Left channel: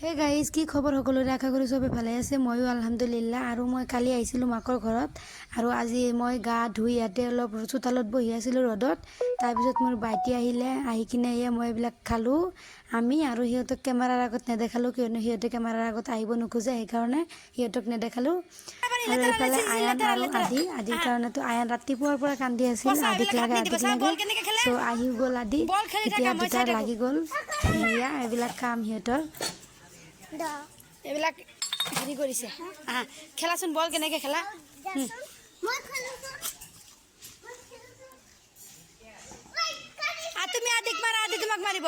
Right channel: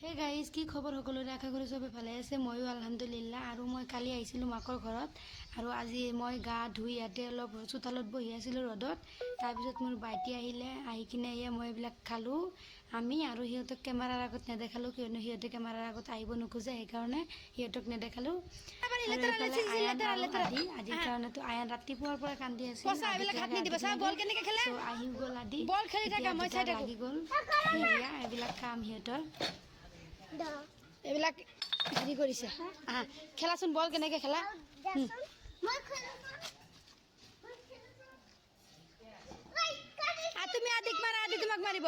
Hey guys, কি খবৰ সকলোৰে? আশা কৰি চবে ভালে আছে। ময়ো আলহামদুলিল্লাহ। আৰু মই কালি আহিছিলোঁ মাকৰ ঘৰত, আৰু আজি মই গা ধুই ইয়াতে অলপ চোতালত বহি আছিলোঁ ৰ'দত। তাৰপিছত মোৰ ভাইটি আহিলে, আহি কিনে মই এইবিলাক খালোঁ আমি, আৰু সিহঁতক কেমেৰাৰ আগত নেদেখালোঁ, কিয়নো সিহঁতে কেমেৰাৰ আগত আহিব নোখোজে, সেইকাৰণে সিহঁতক নেদেখালোঁ। আৰু এইফালে আয়ান আৰু আদিৰ কাৰণেতো আয়ান ৰাতিপুৱাৰ পৰা কান্দি আছিল, আদিক লাগে। চ' আহি গ'ল আদি, এতিয়া দুটা লাগি গ'ল। এয়া এইবিলাক কাম সিহঁতৰ। এইবিলাক হেৰি কৰিছে। খেলাচোন, বল কেনেকে খেলা। তুমি আদিক মাৰা, আদি তোমাক মাৰিব।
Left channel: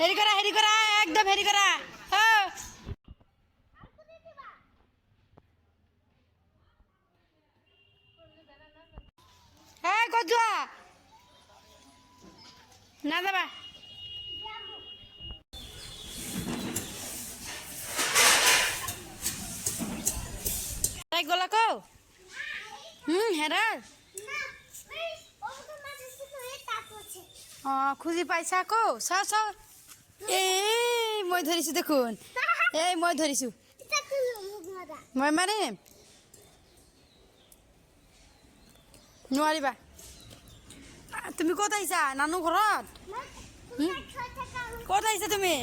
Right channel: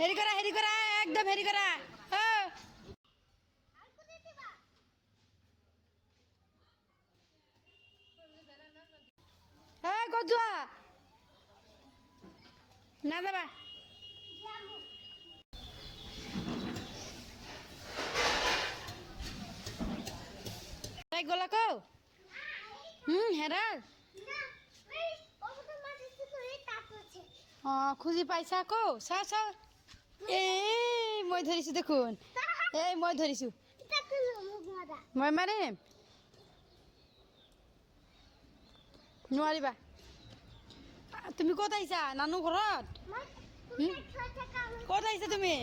হেৰি কৰা একদম হেৰি কৰা। ক'ত যোৱা? নাযাবা। তাই গ'লা কৌ? হেৰা। খুজি পাইছা কৌ? চাও। মই ধৰিছোঁ দেখোন। মই ধৰিছোঁ। মই মাৰিম। নোৱাৰিবা। তুমি ক'ত আহিছা? নানু ঘৰত? ক'ত আহিছা তুমি?